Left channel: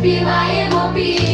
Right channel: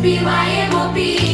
співаємо пісню.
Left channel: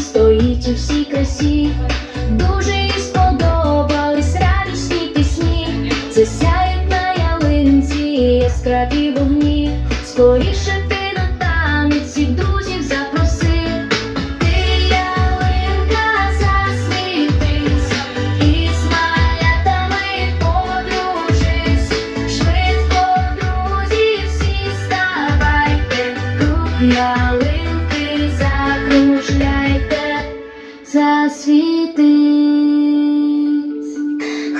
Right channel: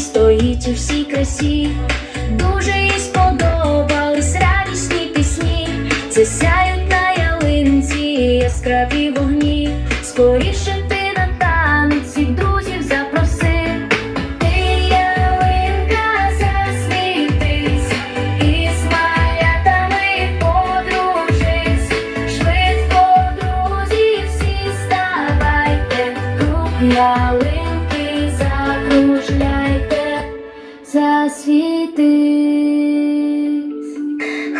стоїть у всій красі, дуже їй сподобались радісні пісні. Це засвітись.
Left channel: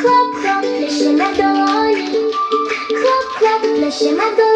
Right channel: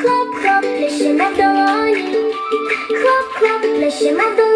Хлоп-хлоп, плещемо в долоні, хлоп-хлоп, плещемо в долоні,